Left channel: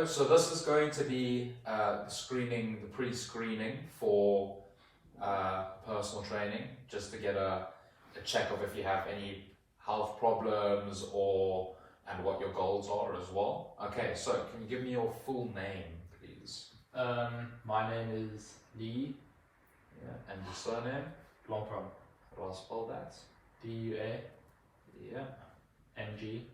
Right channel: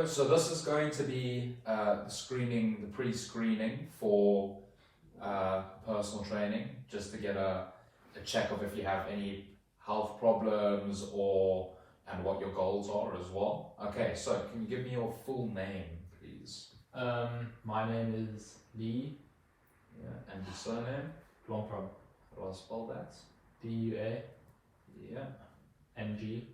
go. So this is going to be the pre-screening for personal training, just to get a check of if you have any health problems and what your goals are as well. Okay, so can you give me your full name, please? My name is Lee. Yeah, and your surname? Blomprong. How do I spell that? D-U-A. Yeah. M-G.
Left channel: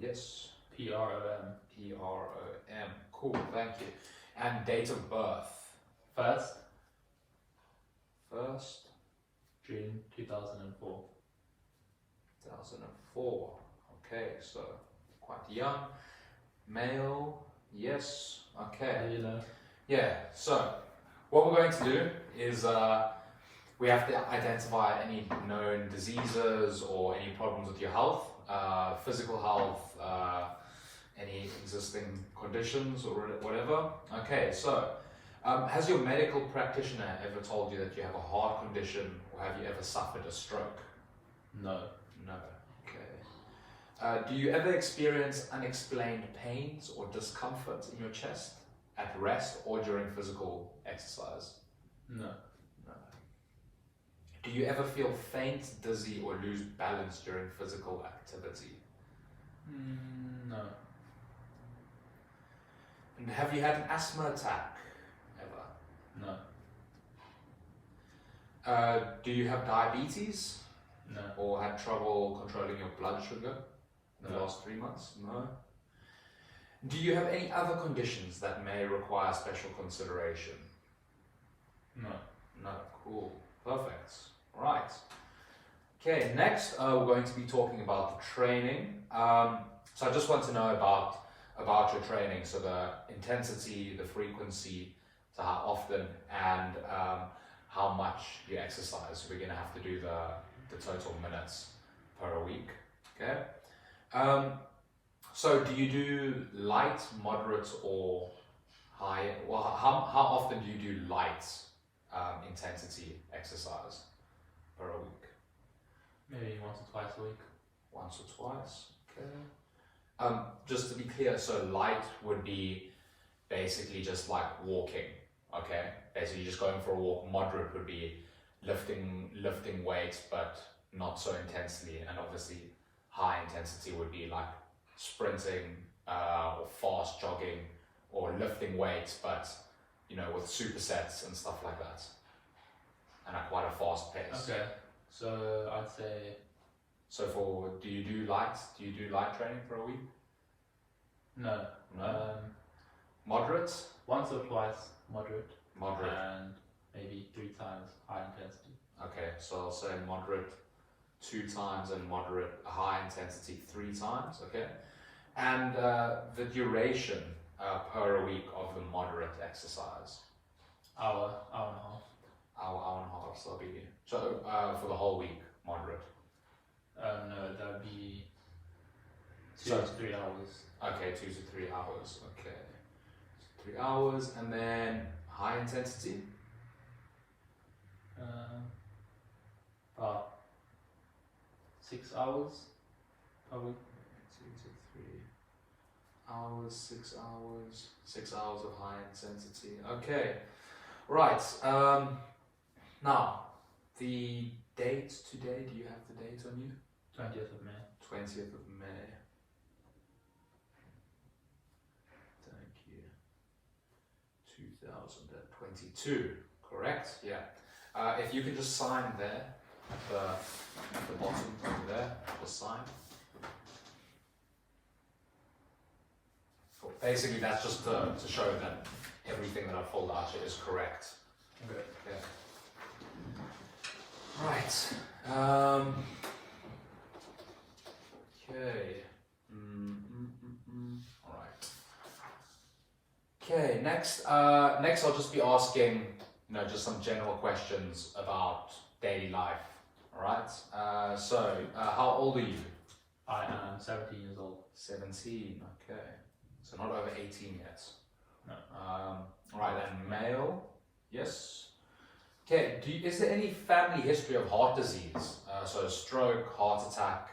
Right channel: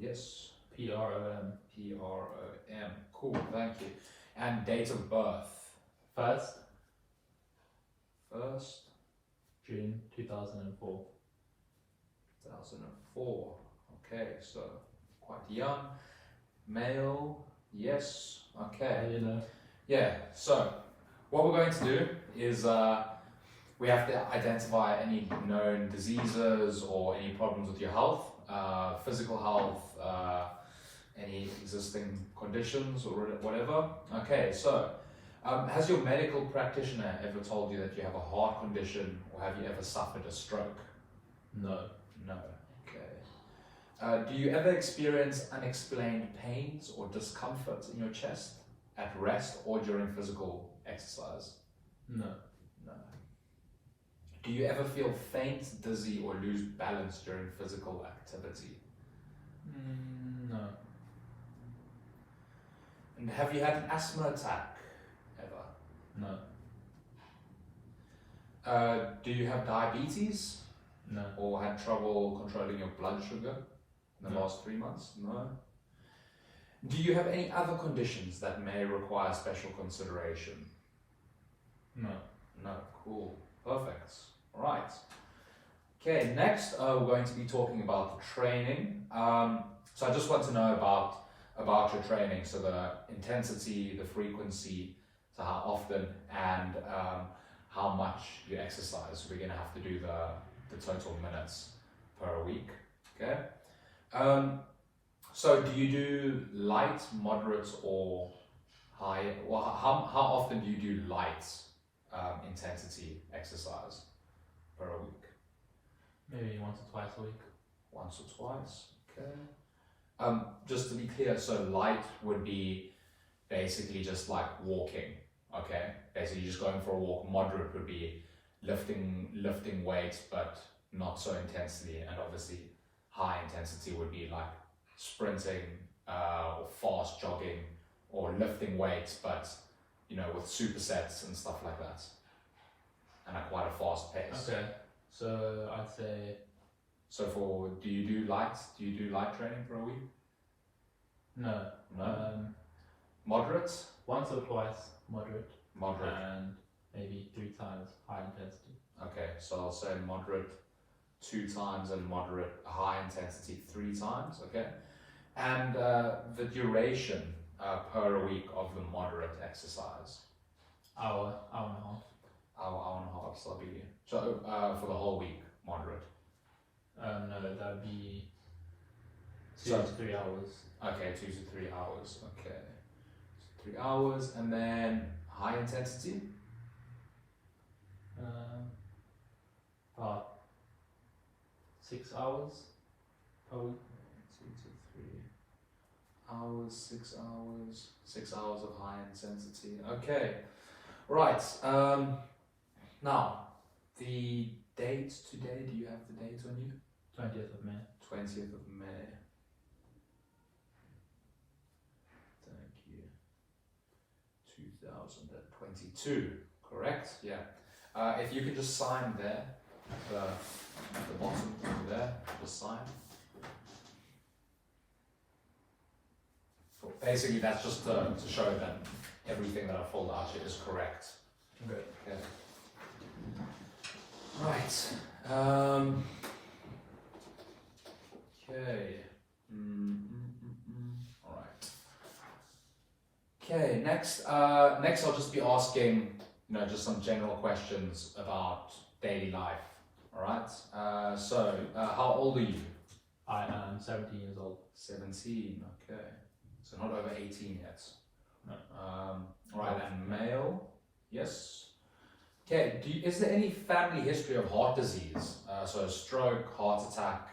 Yes. P-R-O-M. P-R-O-M. Cool, thank you. And date of birth? First 1st June 2004. 2004. Okay, so quite young. Male, yes. Okay. You know. Yeah, so what we're going to do is we have to identify any known diseases or any problems with your health, physical health, any existing conditions or whatever. Okay, so has your medical practitioner ever told you that you have a heart condition, or have you ever suffered a stroke? No. No. Okay. Do you ever experience unexplained pains or discomfort in your chest at rest or during physical exercise? No. No. Do you ever feel faint, dizzy, or lose balance during physical activity? No. And have you had an asthma attack ever? No. Do you have diabetes? No. Or had trouble controlling your blood sugar in the last 3 months? No. Do you have any other conditions that may require special consideration? No. No. Cool. Perfect. All right. Okay, next we're going to be talking about the training. So I just want to know about your training, so the intensity, the frequency, so how often, and how much you exercise. So we're going to have to do the total minutes per week. Okay. So do you do light, moderate, or high? Well, how often do you do light intensity exercise per week? Maybe once or twice a week. Once or twice. Okay. Just to be clear, so light would be basically just like walking. Okay. Basically just going for a walk. Moderate would be lifting weights, but not so intensely, and obviously high intensity would be like sprinting or fast jogging or lifting weights, but with supersets and stuff like that, and at quite a fast pace. Okay, so I'd say. So do you do light training for a week? No. No. Moderate? Once or twice moderate. Moderate. And maybe 3 times high intensity. Okay, so I'll say moderate 2 times and moderate high intensity 3 times. Okay, and the duration per week of the moderate exercise? Hour and a half. Hour and a half. So for the whole week, moderate. No, that would be 2 to 3 hours. Okay, 2 to 3 hours. Okay, 3 hours, and then high intensity. About 6 hours per week. 2 to 3 hours, 6 hours, 6 hours of high intensity. Okay, right. Now, the date today, do you have the date on you? 20th of May. 20th of May. Thank you. 2022, correct? Yeah. If you could just sign there, at the bottom over there, just sign. Cool. Basically, that's just to show that everything that I filled out here is correct. Okay. Okay. Right. Okay. All right. Okay. Next, I'll just be asking, just some general questions about daily life. All right. So, how old are you? I am 17 years old. 17. Okay. So not over 18 yet. No. All right. And male. Yes. Okay. Is there any family history of heart disease? So stroke, heart attack,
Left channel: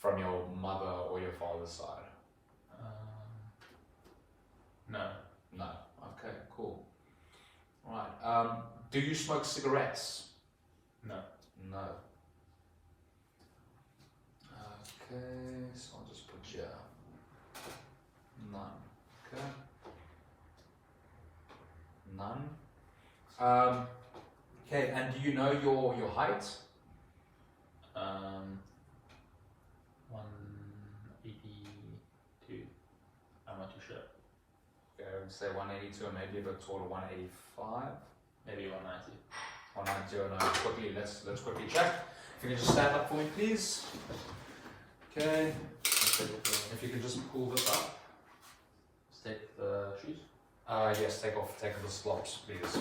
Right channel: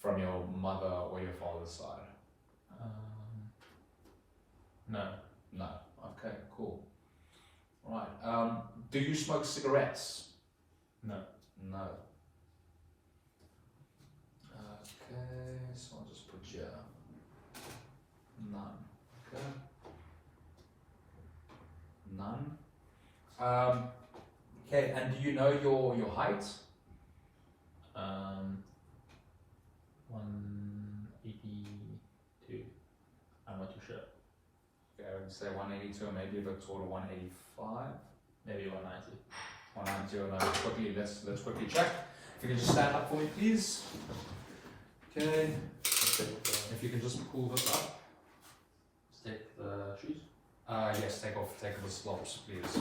from your mother or your father's side? No. No. Okay, cool. Right. Do you smoke cigarettes? No. No. Okay, so I'll just put here. None. Okay. None. Okay, and do you know your height? 182. I'm not too sure. Okay, I would say 182 or maybe a bit taller, 185. Maybe 190. 190 or no, let's quickly check. If you can just stand up for me, please. Okay. If you can just pull this up. Take the shoes. Yes, take off the slops, please.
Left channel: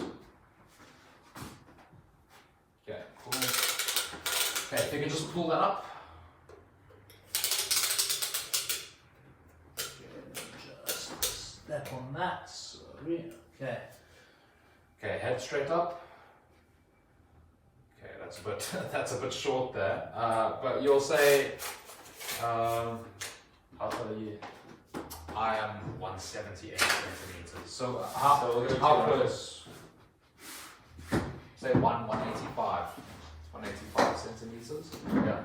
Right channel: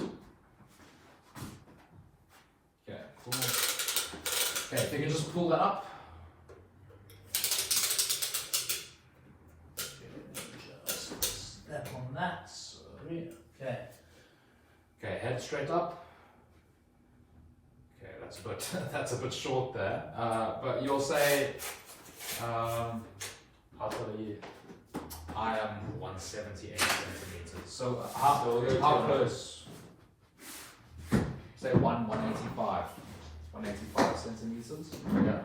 Okay, cool. Okay, if you can just pull that up. Just step on that. Sorry. Okay. Okay, head straight up. Okay, that's a bit short there. But you'll say, How tall are you? I am 178 centimeters. So how close? Say 185. 185 centimeters. Yeah.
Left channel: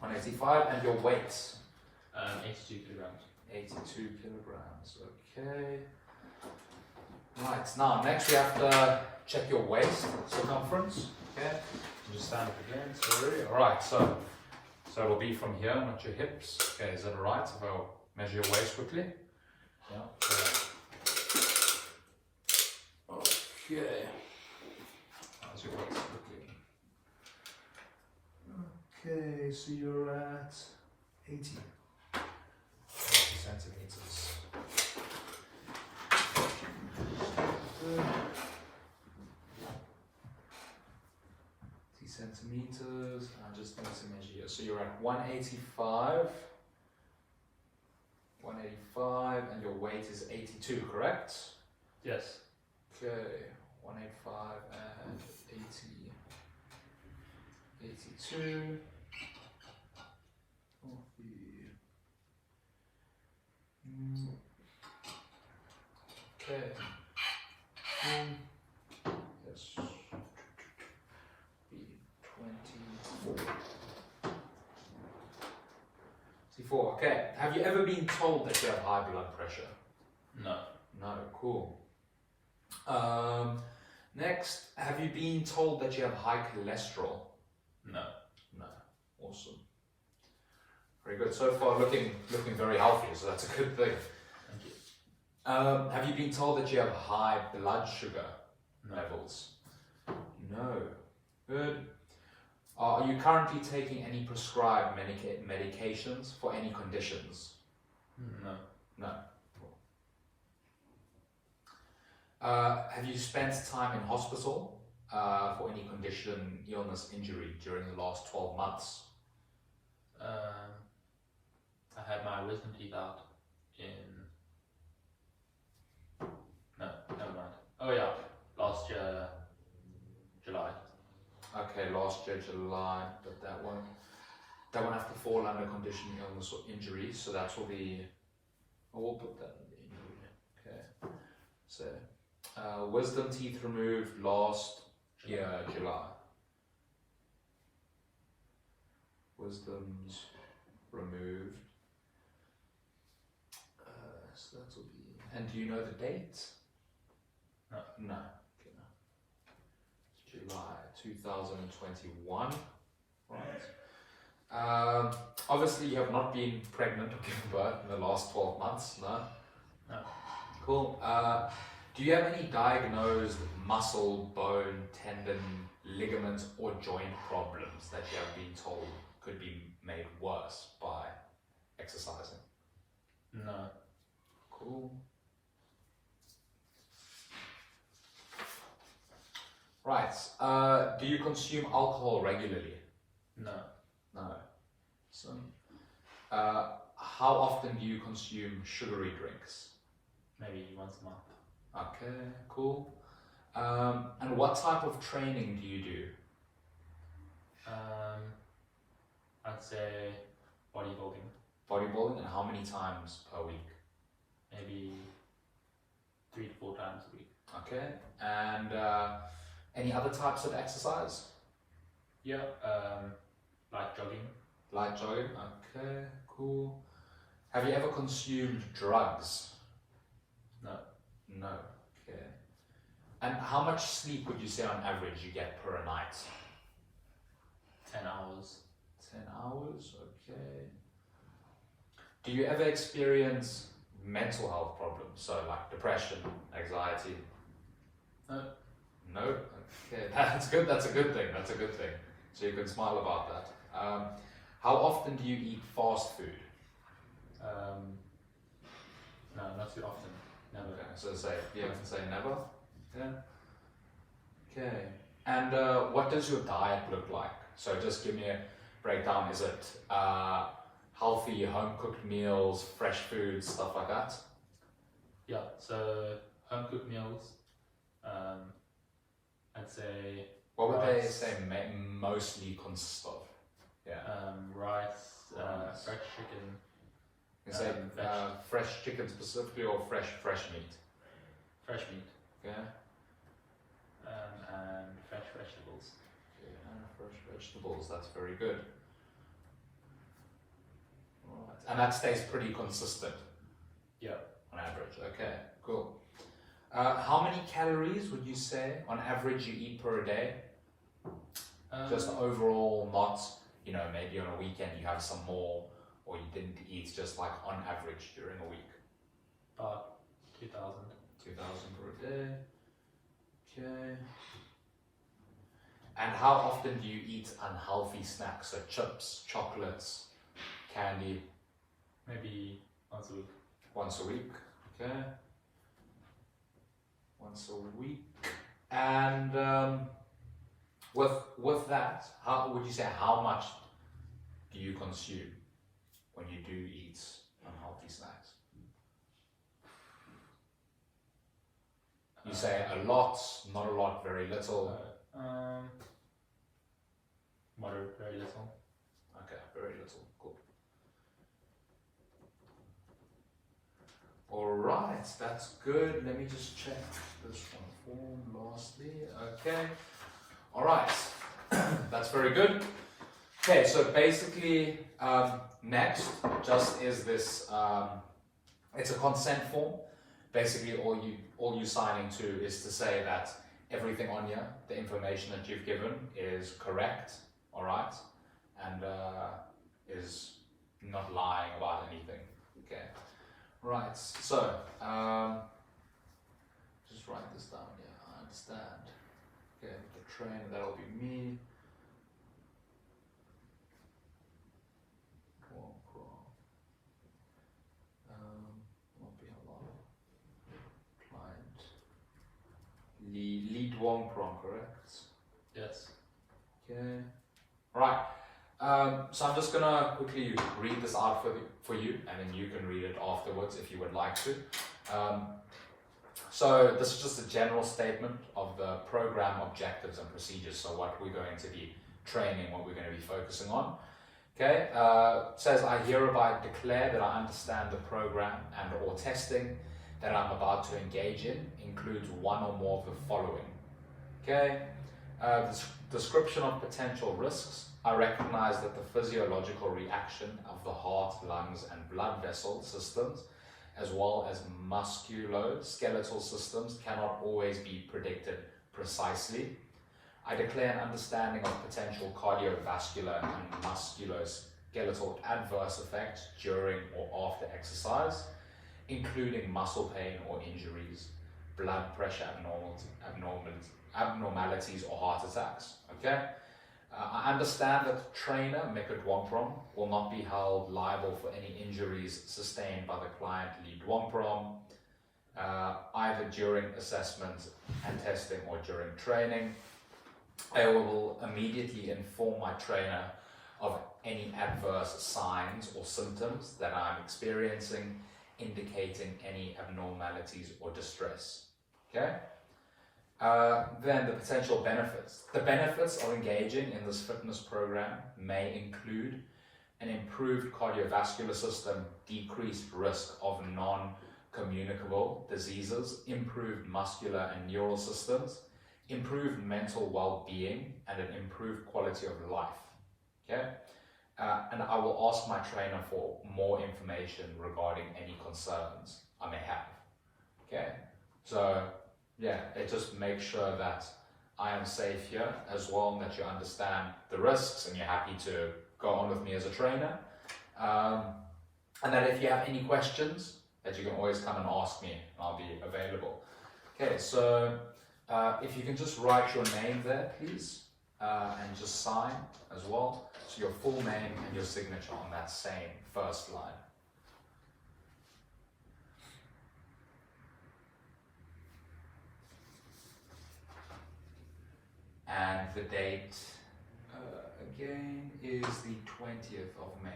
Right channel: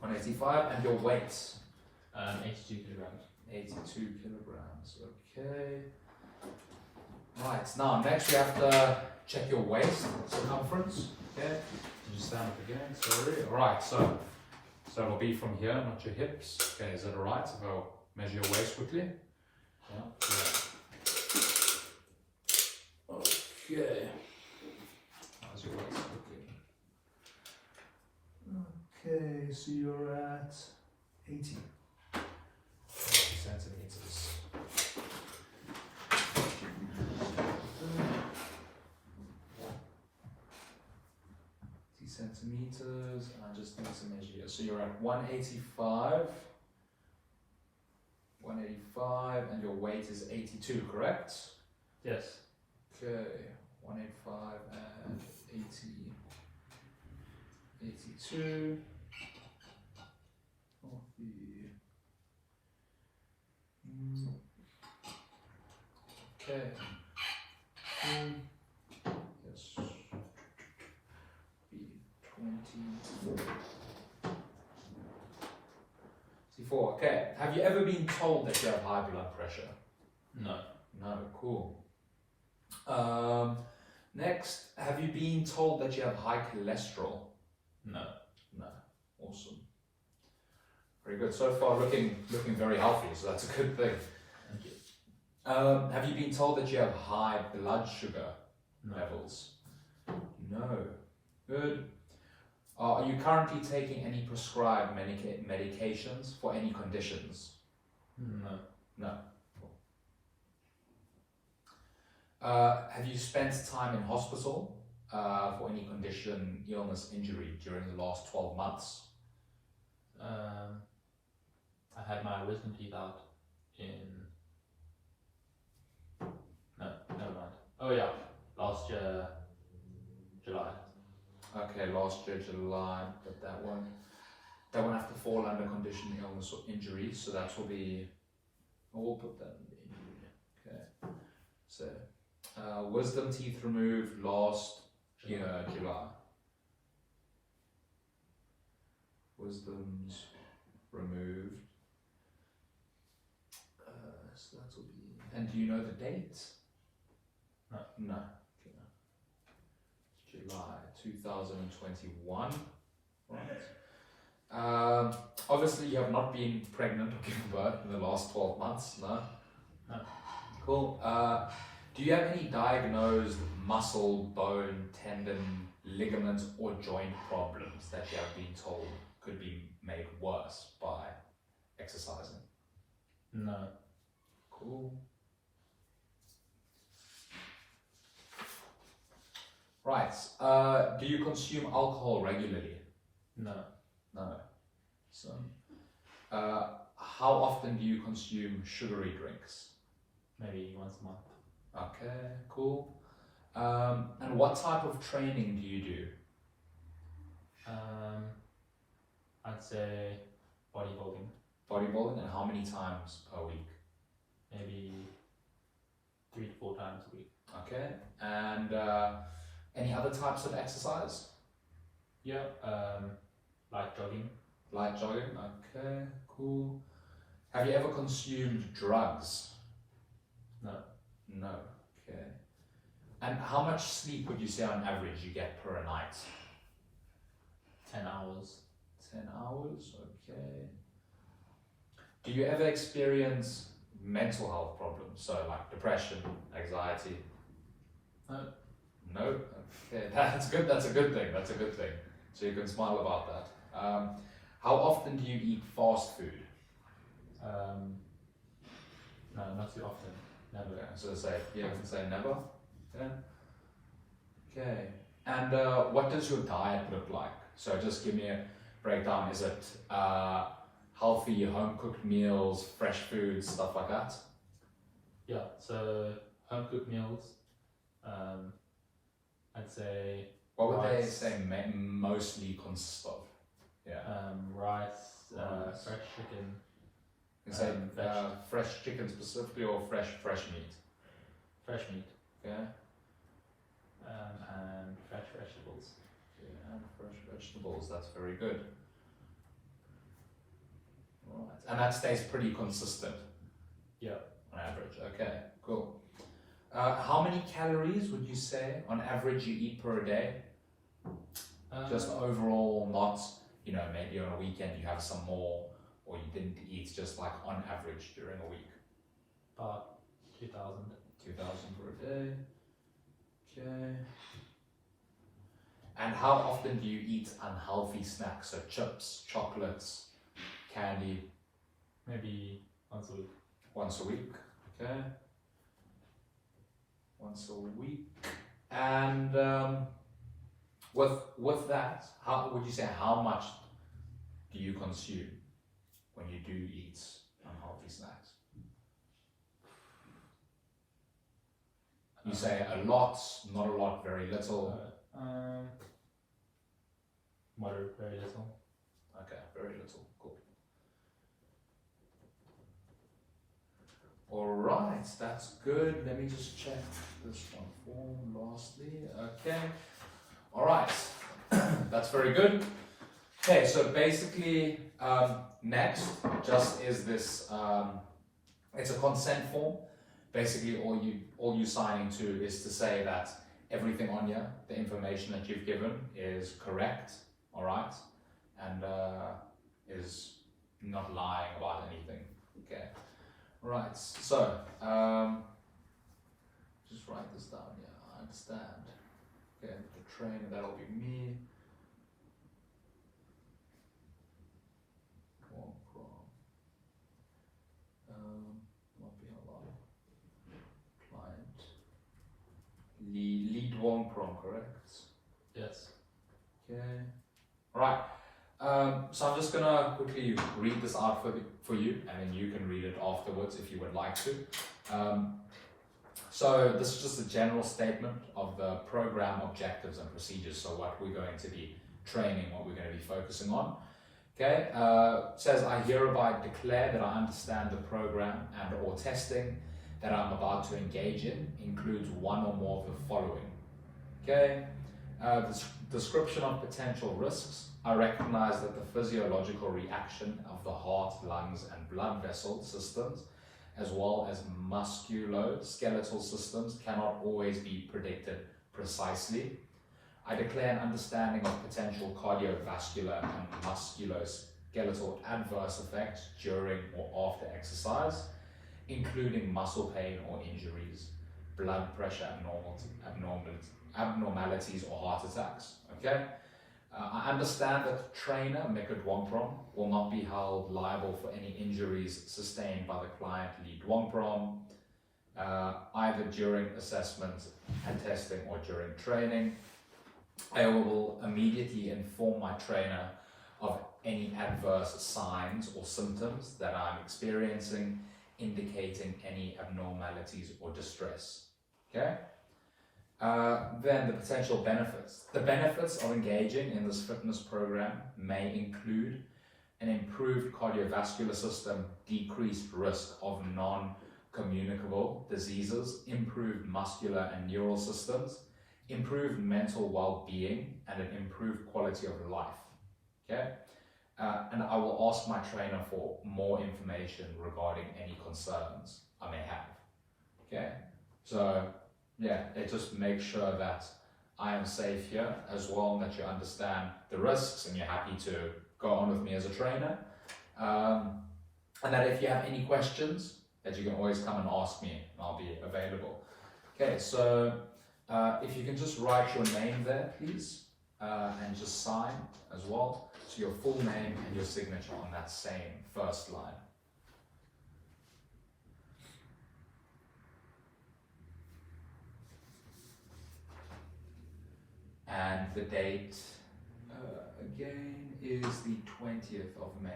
185, and your weight? 82 kilograms. 82 kilograms. Okay. Right. Now next we have to check your waist circumference. Okay. You just stand up again. Sorry. All right. So it'll be from here, not your hips. Okay. Is that all right? So I'll measure your waist quickly. Yeah. Okay. How's your waist quickly? Okay. So you're at 80 centimeters. Centimeters, and I just need to measure here. So you're at 185, and your weight is 82, correct? Yes. Okay, 185 and 82. Okay. Yes. 24. Okay. Have you ever been told that you have high blood pressure? No. No. Cool. Next, have you been told that you have high cholesterol? No. No. Awesome. Very good. So far, looking very healthy. So that's a good thing. Thank you. Have you been told that you have high blood sugar levels? No. Good. Are you currently taking any prescribed medications for any conditions? No. No. Have you spent time in hospital for any condition, illness, injury during the last 12 months? I had my wisdom teeth out in... No, never mind. Oh yeah, last year, July. Okay, last year, July, but that won't have to fall under condition, illness, or injury, so that will be, we'll put that in the injury. Okay, so wisdom teeth removed last year, July. Wisdoms removed. So that will be, and do you know the date? No. No. Okay. July 2021. Right. Obviously, you have not been pregnant or given birth in the last 12 months, no? No. Cool. Do you have any diagnosed muscle, bone, tendon, ligament, or joint problems that you have been told could be made worse by exercising? No. Cool. Right. Do you consume alcohol regularly? No. No. So, how often do you consume sugary drinks? Maybe once a month. Okay, cool. And what type of training do you do? I'd say bodybuilding. Bodybuilding, and how many times per week? maybe 3 to 4 times a week. Okay. And any other types of exercise? Yeah, like jogging. Light jogging. Okay, cool. Have you ever consumed drugs? No. No. Okay. And how much sleep would you say on average you get per night? 10 hours. 10 hours. Okay. Do you ever experience mental health problems? So like depression, anxiety? No. No? Okay, that's good. That's a good thing. That's a good thing. So you can smile about that. How often do you eat fast food? No, not too often. Never. Okay, so say, you have to say never? Yeah. Okay. And what does your diet look like? So just give me a breakdown. Is it healthy, home-cooked meals, fresh food, stuff like that? Yeah, so home cooked meals, I'd say What would they rice. say mostly consist of? Yeah. Rice, Rice. fresh chicken, You say veg. fresh chicken specifically or fresh meat? fresh meat, Okay. and fresh vegetables. Yeah, and fresh vegetables. That's very good. Right. And that stays pretty consistent. Yeah. On average. Okay, cool. How many calories would you say on average you eat per day? Just overall, not, maybe on a weekend you have some more, or you didn't eat, just like on average during a week. About 2,000. 2,000 per day. Okay. And how often do you eat unhealthy snacks, so chips, chocolates, candy? Maybe once a week. Once a week, okay. Once a week. And with that, how would you say, how much do you consume when you do eat unhealthy snacks? You say a lot, not a lot, very little. Moderate, very little. Okay, very little. Cool. All right, that's good. Let me just check this one form lastly. Okay. All right, that's very good. Okay, so basically, next just is this. It's a consent form. Basically, all you signing to is to say that everything on here, the information that you've given, is correct. All right, and is not lying about anything. Okay. Right, so just write this down. Yeah, I understand. Okay, the train, that'll be me. Not be a lot of client. Lead Wong Prom, correct? Yes. Okay. Right. So I'm just gonna quickly read this out for you, and then you can read it afterwards if you would like to. So this is just a general statement of the program objectives and procedures. So what we're going to be training, what we're going to be focusing on. Okay. It says, I hereby declare that I understand the program and or testing that I'm about to engage in includes one or more of the following. Okay. Description of potential risks. I recognize that the physiological reaction of the heart, lungs, and blood vessel systems, as well as musculoskeletal systems, cannot always be predicted precisely. I declare an understanding of potential cardiovascular and musculoskeletal adverse effects during or after exercise, including muscle pain or injuries, blood pressure abnormalities or heart attacks. Okay. I understand that the trainer, Mekut Wongprom, will not be held liable for any injuries sustained by the client Lead Wongprom, either during assessment and testing or during training. I will immediately inform my trainer of any adverse signs or symptoms that I'm experiencing, indicating any abnormalities or distress. Okay? Then the potential benefits. The benefits of engaging in this fitness program may include an improved cardiovascular system, decreased risk of communicable diseases, improved muscular and neural systems, improved mental well-being, and an improved quality of life. Okay? And I will ask my trainer for more information regarding any concerns I may have. Okay? So, yeah, it just makes sure that I am safe here as well, and that you understand the risks and you're happy to go on with me as a trainer. And that if you have any questions, that you can always come and ask me, and I'll be available. Okay, so if you can just write your name there, please, and just sign as well. So your full name and your signature on that same first line. And the date, again, is the 20th of May.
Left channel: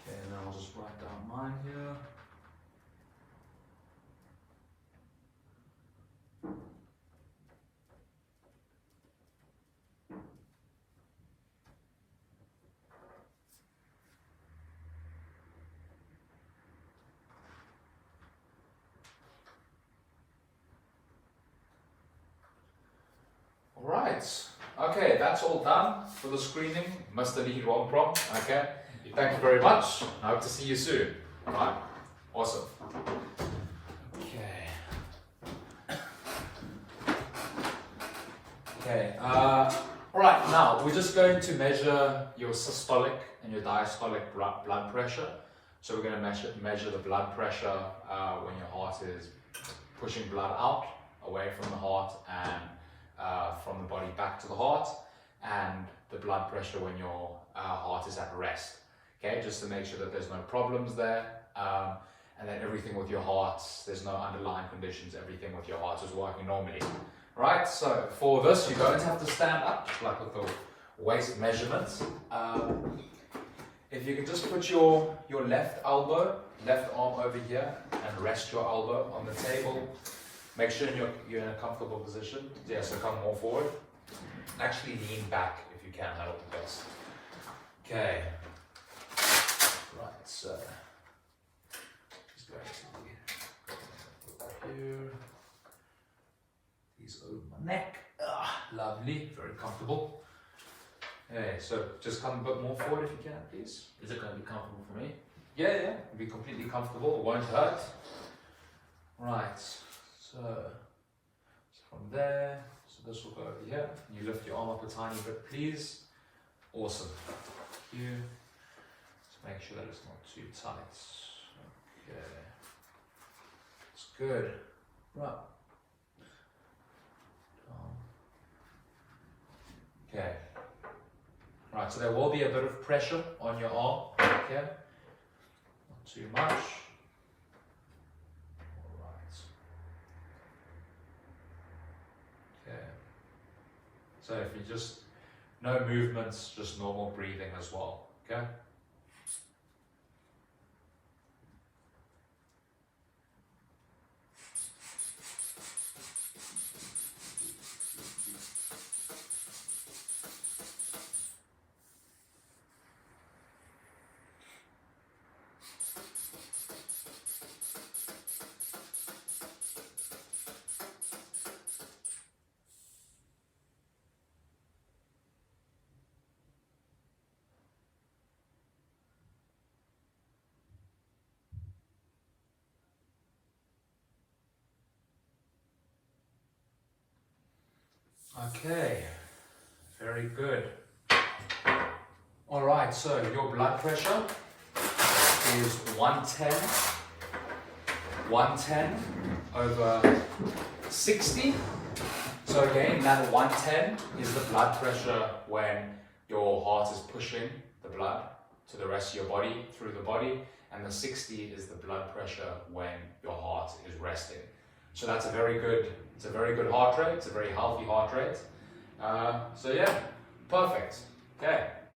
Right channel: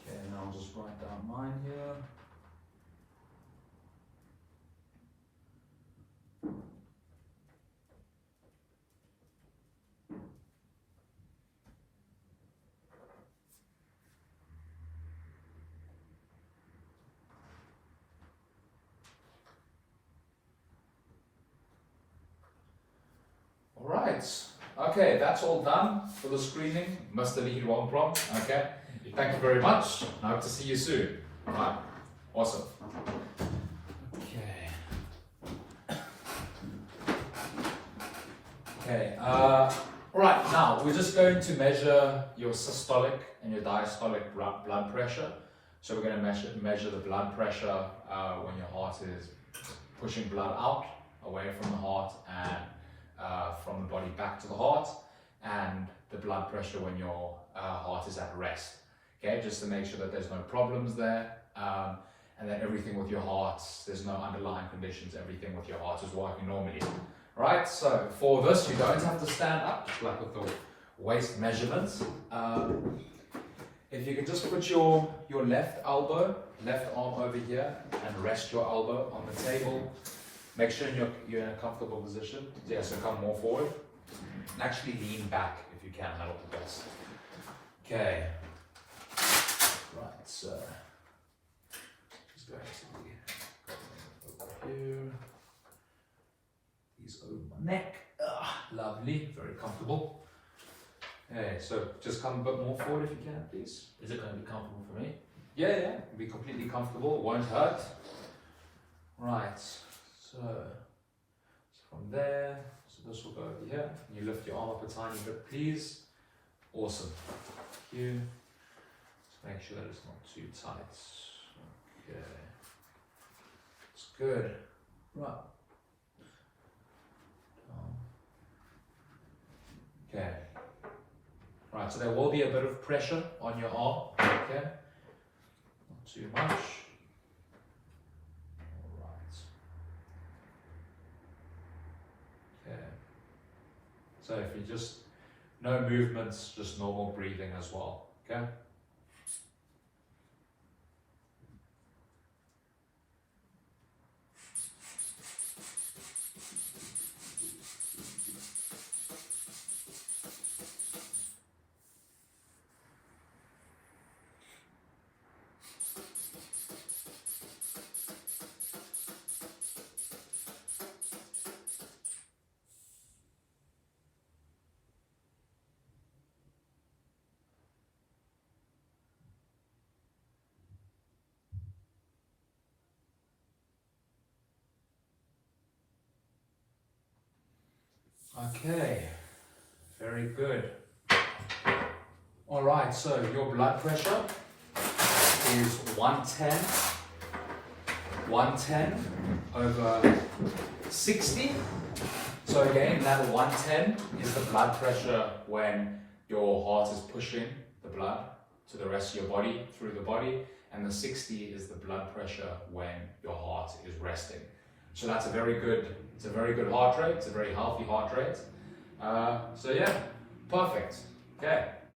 Okay, and I'll just write down mine here. Right, okay, that's all done for the screening. Must have been wrong prompt. Okay, thank you very much. I hope to see you soon. All right, awesome. Okay, all right, now we're just going to measure your systolic and your diastolic blood pressure. So we're going to measure the blood pressure when your heart is pushing blood out, away from the heart, and from the body back to the heart, and the blood pressure when your heart is at rest. Okay, just to make sure that there's no problems there, and that everything with your heart, there's no underlying conditions, everything with your heart is working normally. Right, so for this, you're going to have to stand up, just like with the waist measurements. If you can just put your left elbow, left arm over here, and rest your elbow on the table. Make sure you're in a comfortable position. Yeah, so come more forward. And actually lean back if you can, that'll be best. Okay. Right, so just going to go here. These over my neck. Lovely, very comfortable. Okay, so just come a bit more forward if you can, please. Is it going to be comfortable for me? Yeah, it'll be completely comfortable, it won't hurt. Right. So from there, so this will go over here. You lift your arm up a tiny bit, please. Awesome. Thank you. Just make sure that it's not too tight. Okay. It's good. Right. Okay. Right, so there will be a bit of pressure on your arm. Okay. Not too much. So if you just, no movements, just normal breathing as well, okay? Okay, very good. All right, so your blood pressure is 110 over 60. So again, that 110 is the blood pressure when your heart is pushing the blood to the rest of your body, through the body, and the 60 is the blood pressure when your heart is resting. So that's a very good, it's a very good heart rate, it's a very healthy heart rate. So yeah, perfect. Okay.